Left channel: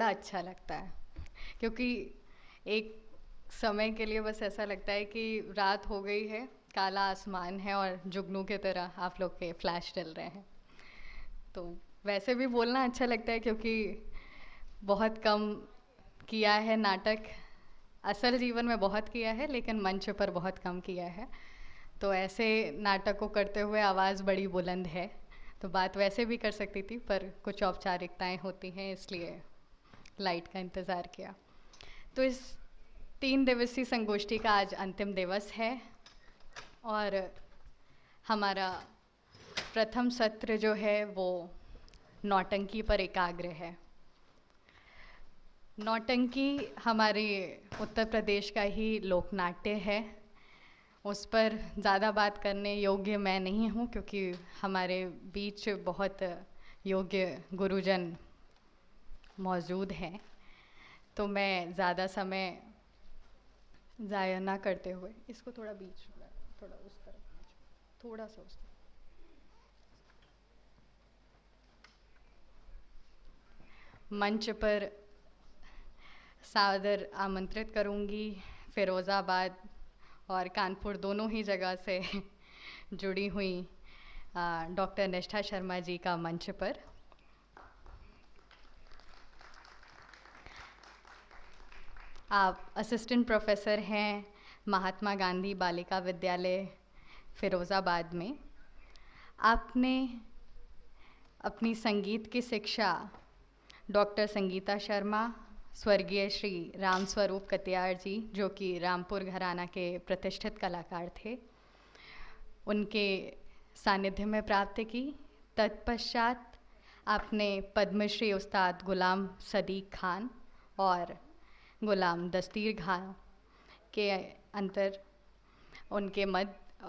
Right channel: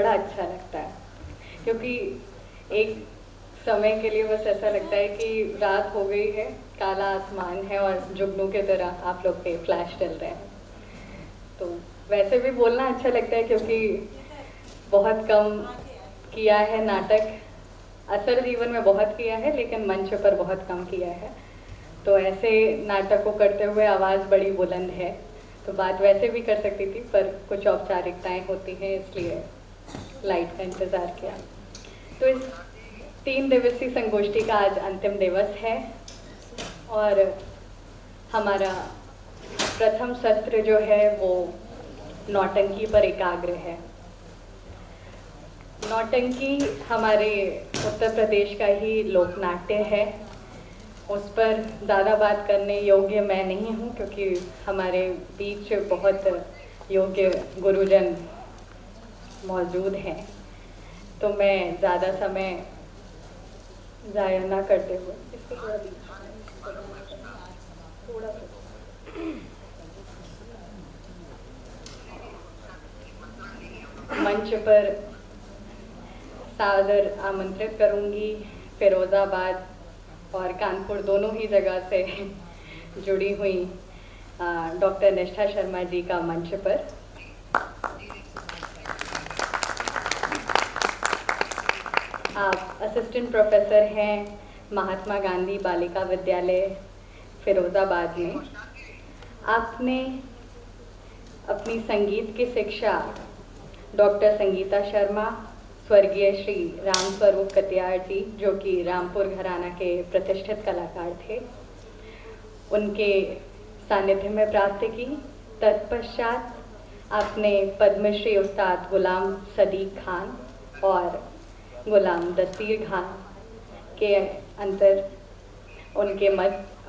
बड़ा अच्छा लगता है, क्योंकि एक समय के लिए बस ऐसा लगता है कि रात हो गई है, काला आसमान है और जुगनू की तरह आप लोग के फ्लैश चल रहे हैं। तो वैसे भी बोलना अच्छा लगता है, क्योंकि बहुत कम किया है नाटक। असल जीवन में बहुत किया है, लेकिन मंच पर बहुत कम किया है। तो ऐसे नाटक को करते हुए आवाज़ बड़ी बुलंद है, तो बात वैसे भी कर सकती थी, पर कुछ औपचारिकताएं होती हैं, इसलिए लाइट का इंतज़ार किया। तो इस 3 दिवसीय संगोष्ठी का आज अंतिम दिवस है और हमारा प्रथम सत्र जो है वो नौटंकी पर एकाग्र है। नौटंकी हमारे उत्तर प्रदेश का ही लोक नाट्य है। उस पर ज़्यादा बात करने योग्य मैं नहीं हूँ, क्योंकि हमारे बीच बहुत योग्य गुरुजन मौजूद हैं। तो मैं ज़्यादा समय ज़ाया ना करते हुए मंच पर सादर आमंत्रित करूंगी फिरोज़ाबाद और कानपुर दोनों ही जगह से जुड़ी हुई डॉक्टर निष्ठा शर्मा जी का मंच पर। आप असिस्टेंट प्रोफेसर हैं महात्मा गांधी बालिका विद्यालय फिरोज़ाबाद में। आपने अपनी संगीत की शिक्षा डॉक्टर संगीता शर्मा, स्वर्गीय श्री राम स्वरूप कटियार जी, जो कि रामपुर घराना के प्रतिष्ठित कलाकार थे, उनके सानिध्य में प्राप्त की। तत्पश्चात आपने पद्मश्री उस्ताद गुलाम सदीक खान और गुलाम दस्तगीर खान के अंतर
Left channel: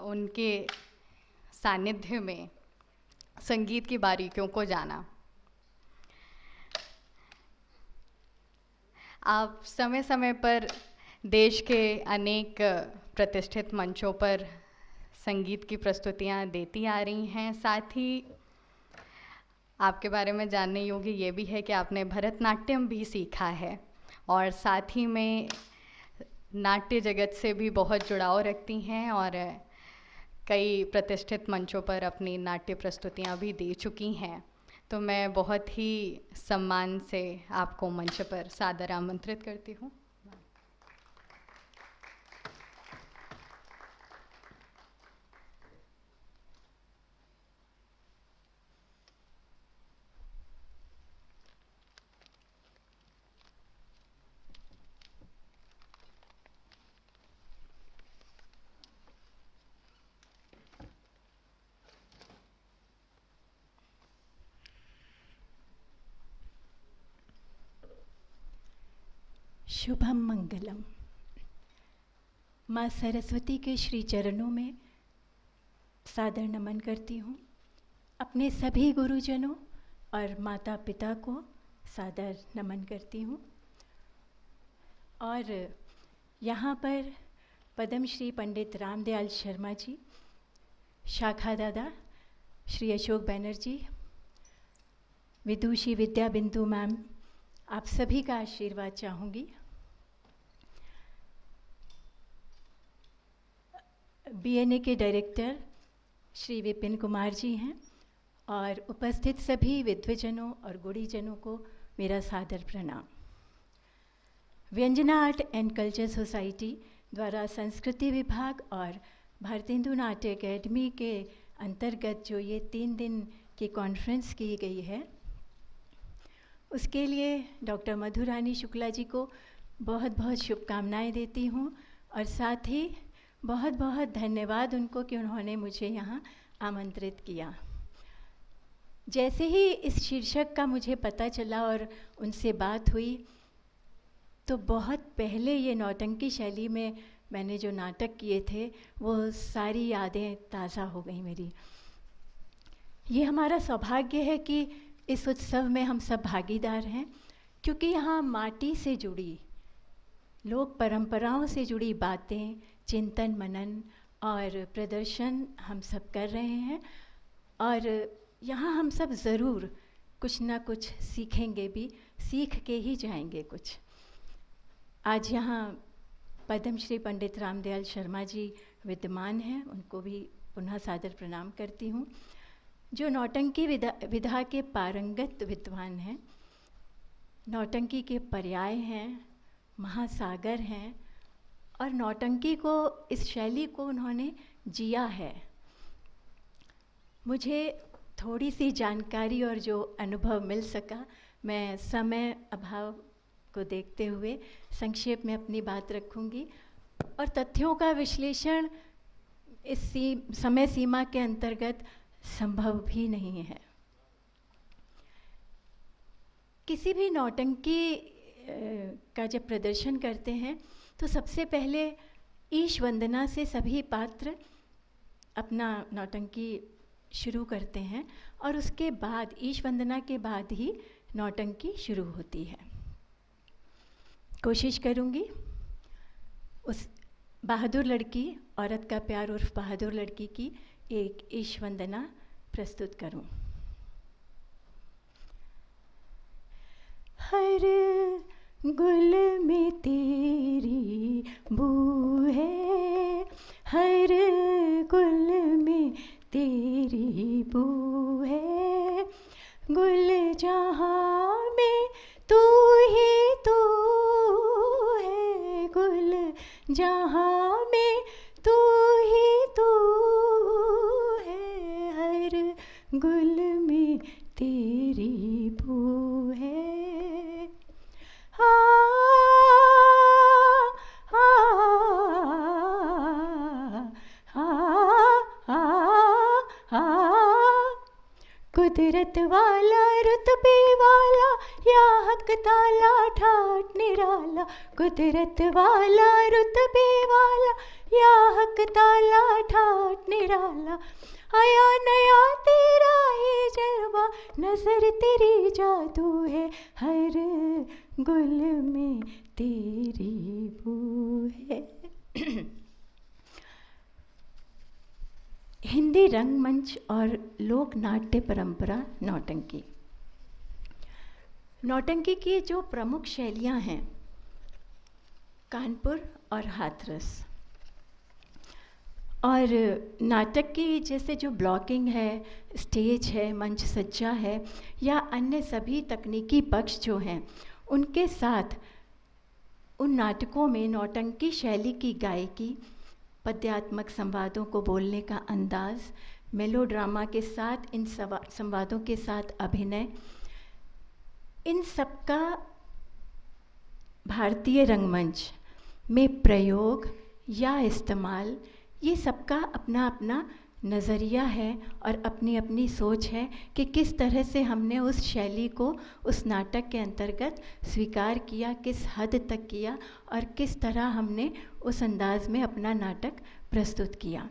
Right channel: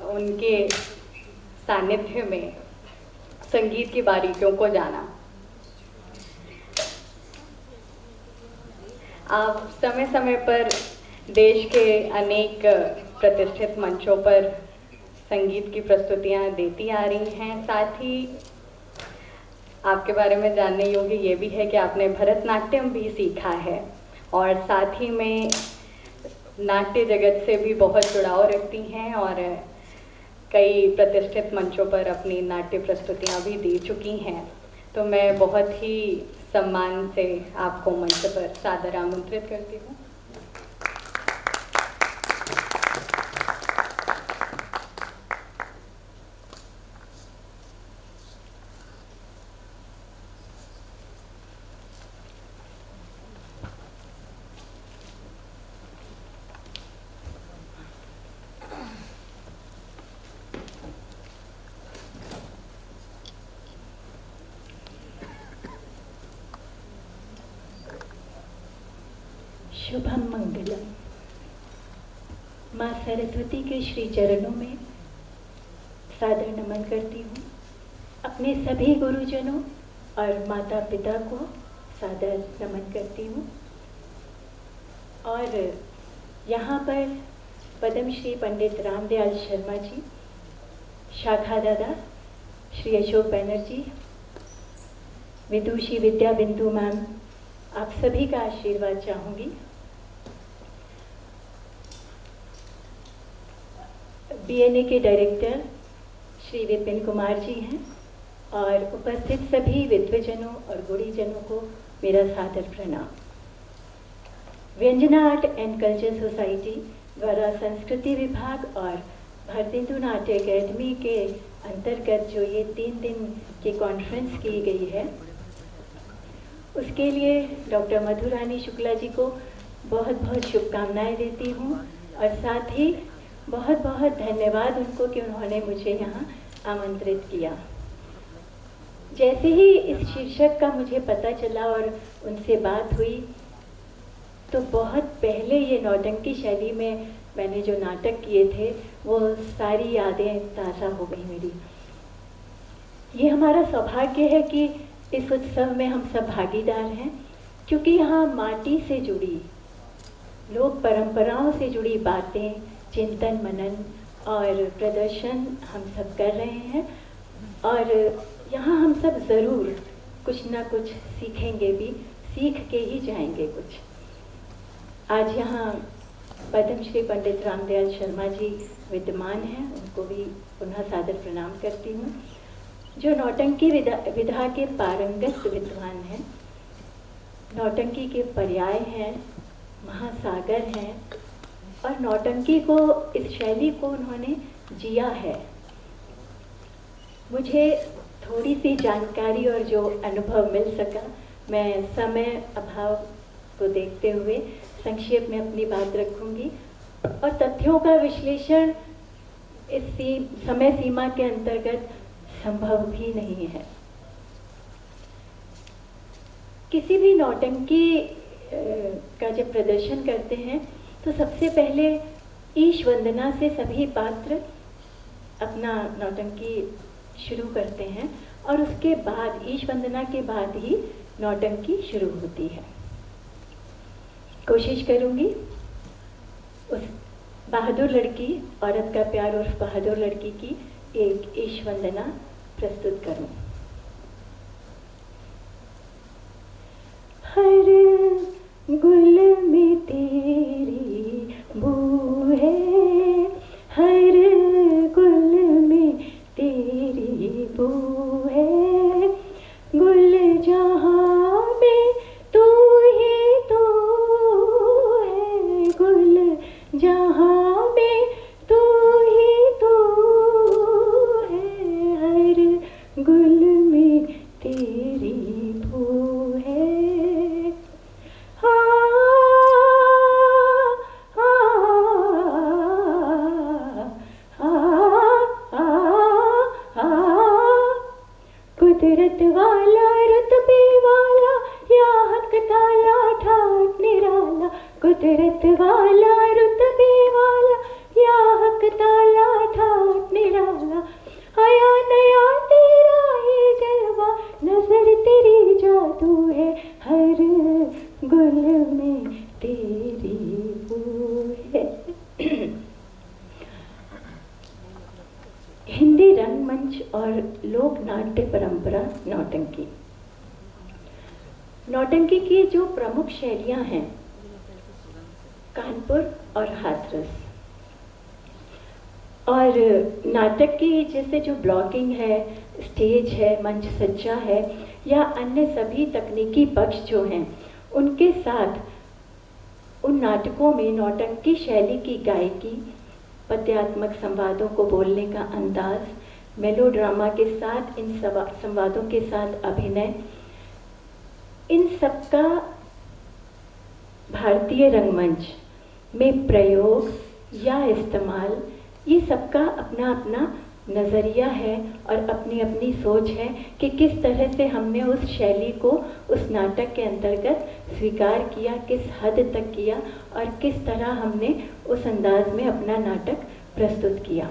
उनके सानिध्य में संगीत की बारीकियों को जाना। आप समय समय पर देश के अनेक प्रतिष्ठित मंचों पर संगीत की प्रस्तुतियां देती आ रही हैं। साथ ही आपके बारे में जानने योग्य ये भी है कि आपने भरतनाट्यम भी सीखा है और साथ ही में नाट्य जगत से भी बहुत जुड़ाव रखती हैं और कई प्रतिष्ठित मंचों पर अपनी नाट्य प्रस्तुतियां भी दे चुकी हैं। तो मैं बहुत ही सम्मान से आपको मंच पर सादर आमंत्रित करती हूँ। शुभम मंगलम। माँ सरस्वती के श्री चरणों में सादर नमन करती हूँ। अपने सभी गुरुजनों और माता पिता को सादर नमन करती हूँ। और यहाँ पर पद्मश्री पंडित रामदयाल शर्मा जी, शाखा दादा श्री अशोक बनर्जी, विदुषी विद्या बिंदु मैम, आप सभी का आशीर्वाद चाहूँगी। बीएनए के डायरेक्टर श्री विपिन कुमार जी हैं और उपस्थित सभी विद्वजनों और गुणीजनों को मेरा सादर प्रणाम। व्यंजना आर्ट एंड कल्चर सोसाइटी द्वारा संस्कृति विभाग और भारतेंदु नाट्य अकेडमी के अंतर्गत जो ये 3 दिन की कॉन्फ्रेंस की गई है, उसके लिए डॉक्टर मधुरानी शुक्ला जी को बहुत बहुत शुभकामनाएं देती हूँ और साथ ही बहुत बहुत धन्यवाद उनको कि उन्होंने मुझे यहाँ आमंत्रित किया। जैसे ही इस शीर्षक का मुझे पता चला और उनसे बात हुई, तो बहुत पहले ये नौटंकी शैली में मैंने जो नाटक किए थे वो सारी यादें ताज़ा हो गई मेरी। ये हमारा सौभाग्य है कि इस उत्सव में हम सब भागीदार हैं, क्योंकि यहाँ माटी से जुड़ी, लोक परंपराओं से जुड़ी बातें, चिंतन मनन और प्रदर्शन हम सब कर रहे हैं और यहाँ हम सब ज़रूर कुछ ना कुछ सीखेंगे भी, सीख के ही जाएंगे कुछ। आज यहाँ पद्मश्री पंडित रामदयाल शर्मा जी विद्यमान हैं, उनको भी पुनः सादर प्रणाम करती हूँ, जो नौटंकी विधा के पारंगत विद्वान हैं, नौटंकी के पर्याय हैं, महासागर हैं, और नौटंकी को, इस शैली को उन्होंने जिया है। मुझे थोड़ी सी जानकारी और जो अनुभव मिल सका, मैं समय अभाव को देखते हुए संक्षेप में अपनी बात रखूंगी, और तथ्यों का विश्लेषण इस समय सीमा के अंतर्गत संभव भी नहीं है। किसी भी नौटंकी का जब प्रदर्शन करते हैं तो सबसे पहले ईश वंदना से सभी पात्र अपना नौटंकी शुरू करते हैं, और उसके बाद ईश वंदना के बाद ही नौटंकी शुरू होती है। कोशिश करूंगी उस बहादुर लड़की, औरत का प्यार उर्फ बहादुर लड़की की एक ईश वंदना प्रस्तुत करूं। हर गुल में तेरी बू है, हर गुल में तेरी बू है, गुल जहाँ में तू ही तू है, गुल जहाँ में तू ही तू है, हर गुल में तेरी बू है। कुदरत वाला रुतबे वाला या हक ताला ठाट निराला, कुदरत वाला रुतबे वाला या हक ताला ठाट निराला, आया नया तेरा ही जलवा, नजर तेरी जादू है, हर गुल में तेरी बू है। हिंदी रंगमंच और लोक नाट्य परंपरा नौटंकी। नौटंकी की जो प्रमुख शैलियां हैं, कानपुर और हाथरस, और नाटक की जैसे जो ब्लॉगिंग है, स्टेज है, मंच सज्जा है, या अन्य सभी तकनीकी पक्ष जो हैं, उनके साथ उन नाटकों में नौटंकी शैली की गायकी, पद्यात्मक संवादों को बोलने का अंदाज, मेलोड्रामा के साथ इन संवादों के साथ अभिनय, इन सबका भारतीय रंगमंच में प्रयोग या इस्तेमाल, ये सबका अपना अपना नज़रिया है और अपनी अपनी सोच है कि किस तरह से हमने उस शैली को उस नाटक के अंतर्गत स्वीकार किया, किस हद तक किया, और किस तरह हमने उस अंदाज में अपना नाटक प्रस्तुत किया।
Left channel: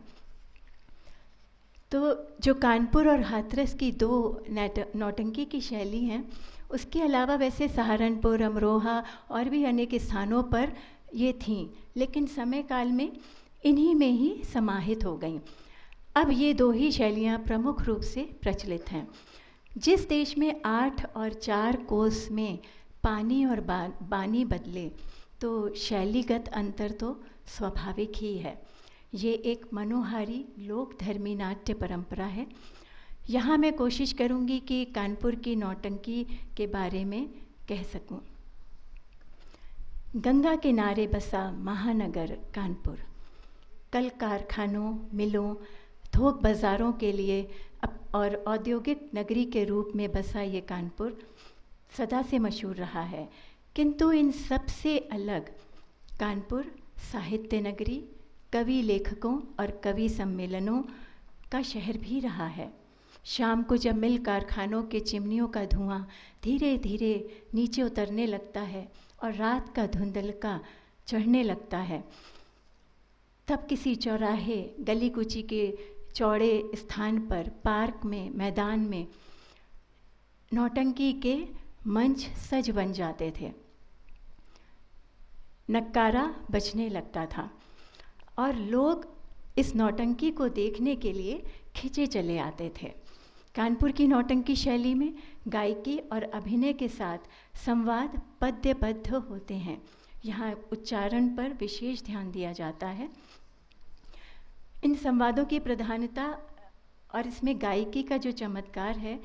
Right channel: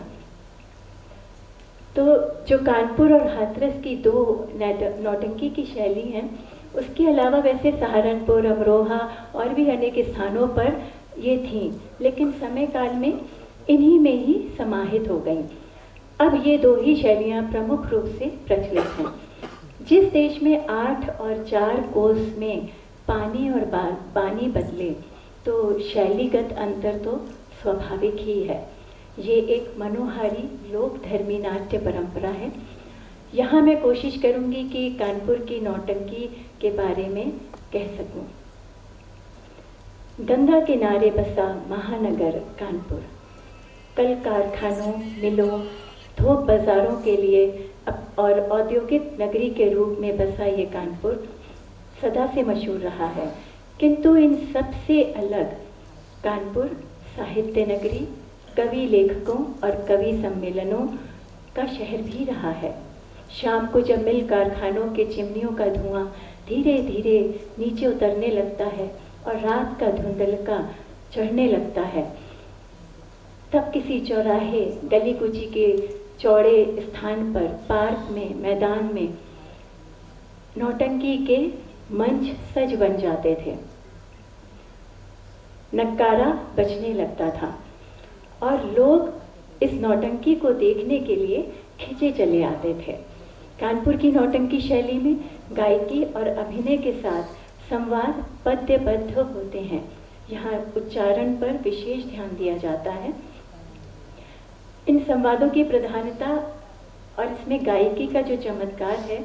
तो जो कानपुर और हाथरस की दो नौटंकी की शैली हैं, उसके अलावा वैसे सहारनपुर, अमरोहा और भी अनेक स्थानों पर ये थीं, लेकिन समय काल में इन्हीं में ही समाहित हो गईं। अब ये दो ही शैलियाँ प्रमुख रूप से प्रचलित हैं। जिस देश में 8 और 4 कोस में पानी और बानी बदले, तो शैलीगत अंतर तो स्वाभाविक ही है। ये एक मनोहारी लोक धर्मी नाट्य परंपरा है। यहाँ मैं कोशिश करूँगी कि कानपुर की नौटंकी के बारे में कह सकूँ। गंगा किनारे बसा महानगर कानपुर, कई कारखानों, मिलों, थोक बाजारों के लिए और औद्योगिक नगरी के रूप में बसा ये कानपुर सदा से मशहूर रहा है। किंतु इन सब से अलग कानपुर साहित्य नगरी, कवि लेखकों और कवि सम्मेलनों का शहर भी रहा है। शाम को जब मिल कारखानों के चिमनियों का धुआं धीरे धीरे नीचे उतरने लगता है और रात का धुंधलका चढ़ने लगता है, तब किसी चौराहे, गली कुची के चौड़े स्थान पर, पार्क में, मैदान में नौटंकी के मंच सज बन जाते थे। नक्कारा बजने लगता था और लोग इस नौटंकी को देखने के लिए खिंचे चले आते थे। कानपुर की नौटंकी शैली में गायकी और अभिनय के साथ संवाद पद्यबद्ध होते हैं। यहाँ उच्चारण पर विशेष ध्यान दिया जाता है। इन संवादों की प्रधानता और इसमें गायकी का जो चमत्कार है,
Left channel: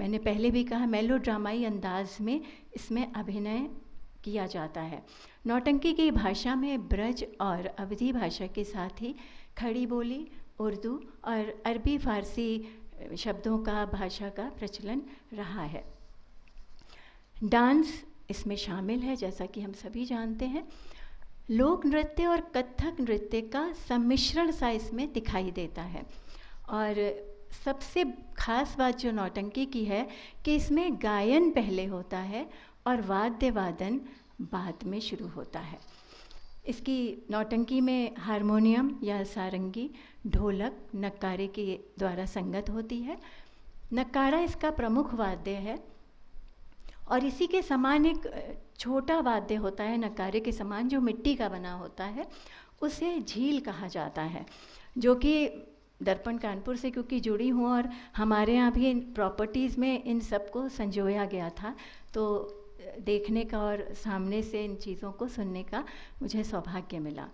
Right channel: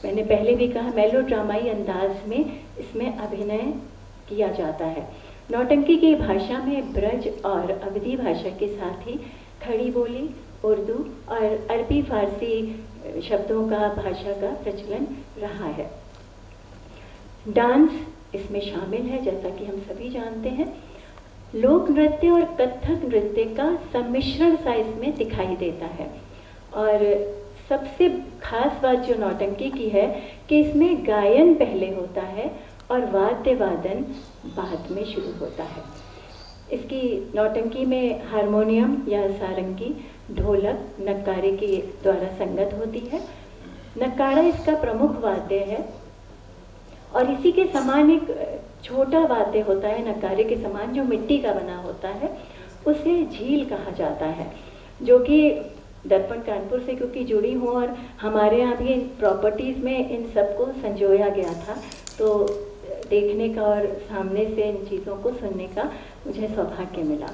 मैंने पहले भी कहा, मेलोड्रामाई अंदाज में इसमें अभिनय किया जाता है। नौटंकी की भाषा में ब्रज और अवधी भाषा के साथ ही खड़ी बोली, उर्दू और अरबी फारसी शब्दों का, भाषा का प्रचलन रहा है। डांस इसमें शामिल है, जैसा कि हम सभी जानते हैं। लोक नृत्य और कथक नृत्य का सम्मिश्रण सा इसमें दिखाई देता है। और सबसे खास बात जो नौटंकी की है कि इसमें गायन पहले होता है और वाद्य वादन बाद में शुरू होता है। इसकी नौटंकी में हारमोनियम या सारंगी, ढोलक, नगाड़े के द्वारा संगत होती है। नगाड़ा इसका प्रमुख वाद्य है और इसी के समान एक छोटा वाद्य होता है नगाड़े के समान, जो मिट्टी का बना होता है, उसे झील कहा जाता है, जो कि दर्पण कानपुर से क्योंकि जुड़ी हूँ और हमारे यहाँ भी प्रॉपर्टीज़ में इन सबको संजोया गया था, तो देखने का और सामने से इन चीज़ों को सुनने का मुझे सौभाग्य मिला।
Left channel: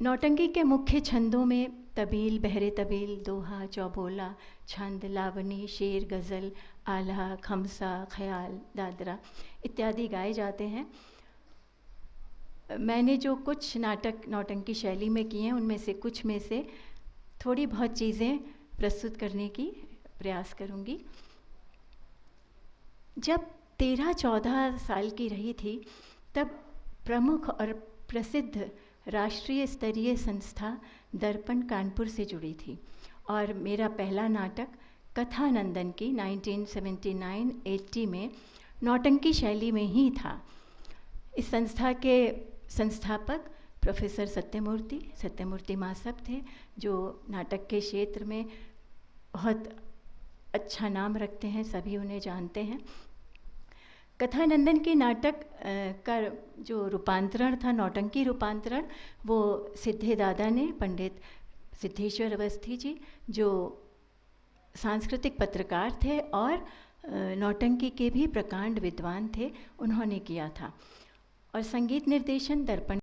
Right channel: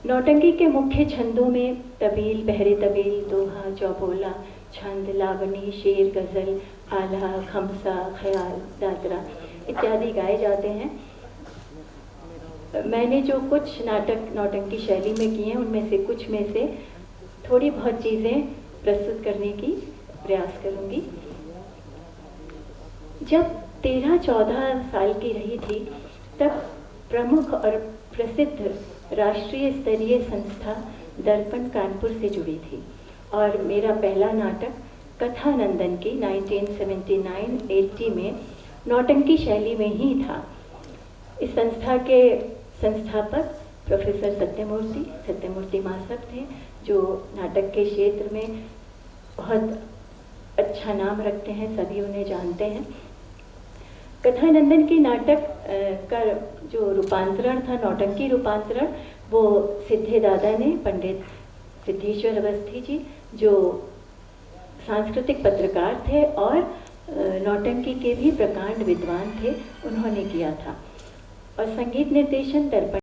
नौटंकी के मुख्य छंदों में तबील, पहरे तबील, दोहा, चौबोला, छंद, लावनी, शेर, गज़ल, आल्हा, खमसा, ख्याल, दादरा इत्यादि गाए जाते हैं। मैंने जो कुछ नाटक नौटंकी शैली में किए हैं, उनमें से कुछ में से थोड़ी बहुत चीज़ें प्रस्तुत करने की प्रयास करूँगी। जब 13-14 साल की रही थी, तब प्रमुख और प्रसिद्ध राष्ट्रीय स्तरीय संस्था दर्पण कानपुर से जुड़ी थी और मेरा पहला नाटक कथानंदन की 1979-80 में नौटंकी शैली में ही था। इस संस्था के संस्थापक प्रोफेसर सत्यमूर्ति मास्टर थे, जो नाटक के क्षेत्र में बहुत अच्छा नाम रखते हैं, सभी उन्हें जानते हैं। कथानंदन की नाटक का जो रूपांतरण था, नौटंकी रूपांतरण, वो सिद्धे दादा ने, पंडित सिद्धेश्वर अवस्थी जी, जो सांस्कृतिक पत्रकार थे और नौटंकी के भी प्रकांड विद्वान थे, उन्होंने किया था। और संगीत निर्देशन दर्पण